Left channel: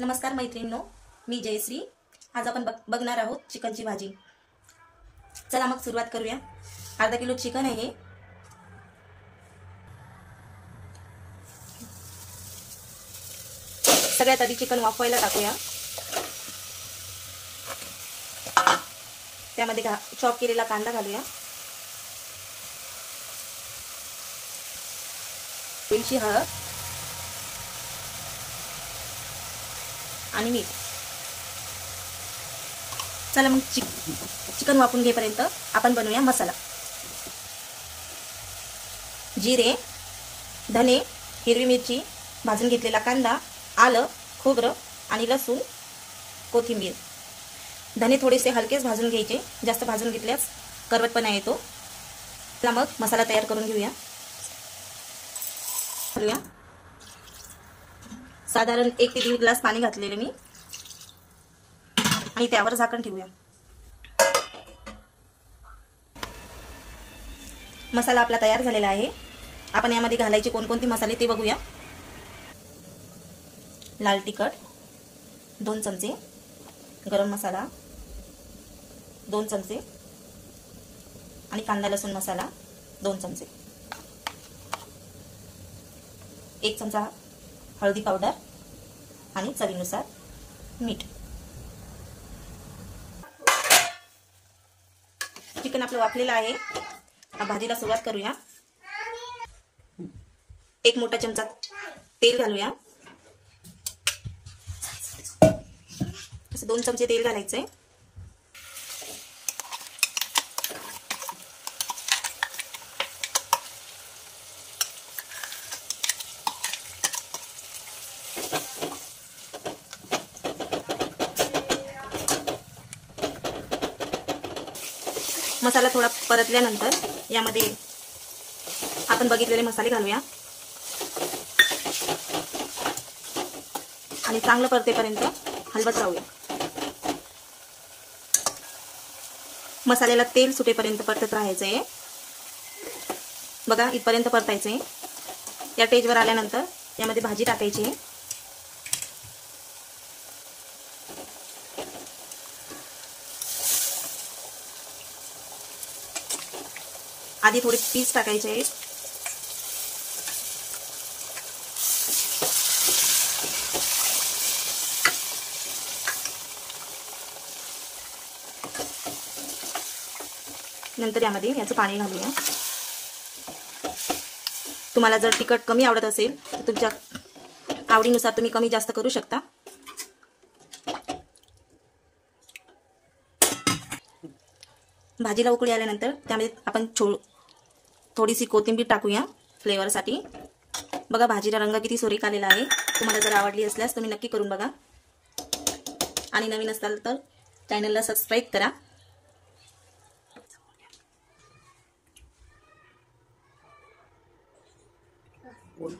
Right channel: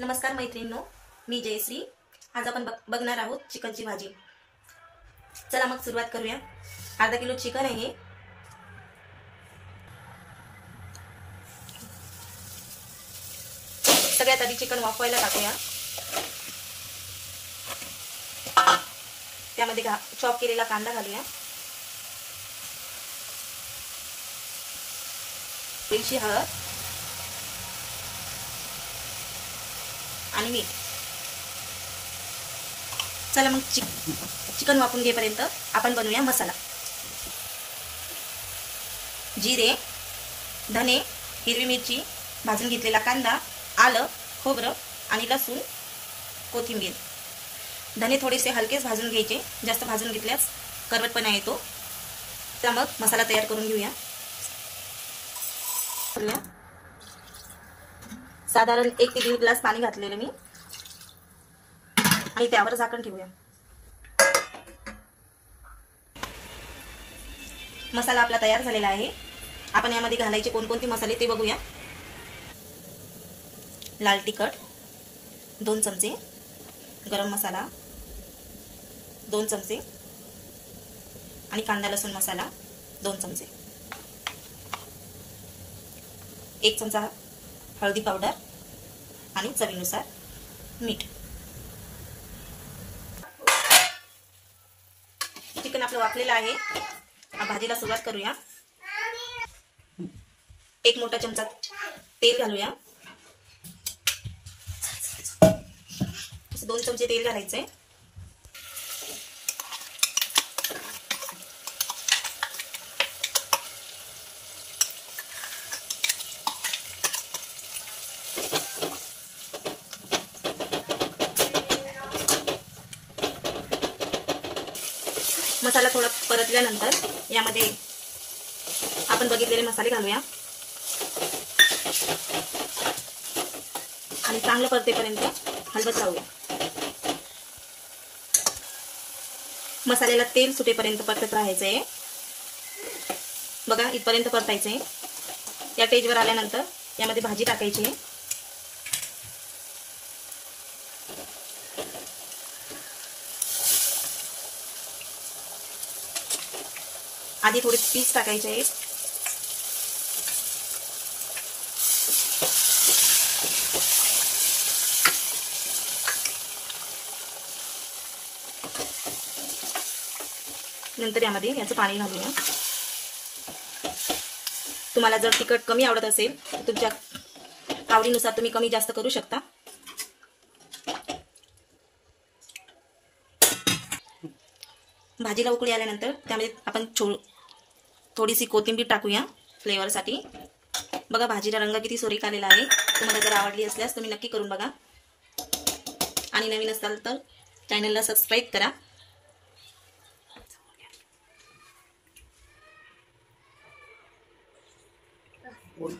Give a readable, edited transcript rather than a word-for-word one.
नमस्कार मैत्रिणींनो, मी जयश्री। आज आपण बघणार आहोत चिकनची भाजी। चला मग सुरुवात करूया। अर्धा किलो चिकन आहे। सगळ्यात आधी चिकन वाफवायला टाकूया। त्यामध्ये चॉप केलेला कांदा घालूया, थोडीशी हळद आणि मीठ। चला मग चिकन वाफून घेईपर्यंत आपण बनवूया मसाला। जिरे, धने, हिरवी मिरची, भाजून घेतलेला कांदा, आलं, खोबरं आणि लसूण, कोथिंबीर। धने थोडेसे हलकेच भाजून घ्यायचे, जास्त भाजून घेतल्यास करवटपणा येतो। चला मग मसाला तयार करून घेऊया। साधारण 1 ते 1.5 ग्लास पाणी घातलेले मी आणि त्यावर झाकण ठेवूया। मसाला आपला तयार झालेला आहे। आपण यामध्ये घालायचे कोणकोणते मसाले ते बघूया। लाल तिखट 2 चमचे, गरम मसाला 2 चमचे आणि कांदा लसूण मसाला 2 चमचे, 1 चमचा हळदी पावडर आणि चवीनुसार मीठ। चिकन आपलं वाफलेलं आहे। भाजीला सुरुवात करूया। 1 मोठा चमचा तेल घालूया। 2 चमचे तेल घालायचंय। मसाला थोडा परतल्यानंतर यामध्ये आपण बघितलेले मसाले घालूया आणि चांगलं परतेपर्यंत हलवत राहूया। मसाल्याला तेल सुटेपर्यंत परतत राहायचंय। बघा, इथपर्यंत परतायचंय। या स्टेजवर आल्यानंतर यामध्ये भाजी टाकायची आहे। आधी थोडे पीस टाकायचे आहेत। नंतर यामध्ये याचं पाणी घालूया। तुम्हाला जर तिखट कमी आवडत असेल तर तुमच्या आवडीनुसार तुम्ही कमी जास्त करू शकता। भाजीला उकळी आल्यानंतर त्यामध्ये आपण थोडीशी कोथिंबीर टाकूया फ्लेवरसाठी। बघा, भाजीला रंग किती सुरेख आलेला आहे। तुम्हाला जर आवडली असल्यास तुम्ही नक्की करून बघा आणि नवीन असाल तर चॅनलला सबस्क्राईब करा। One.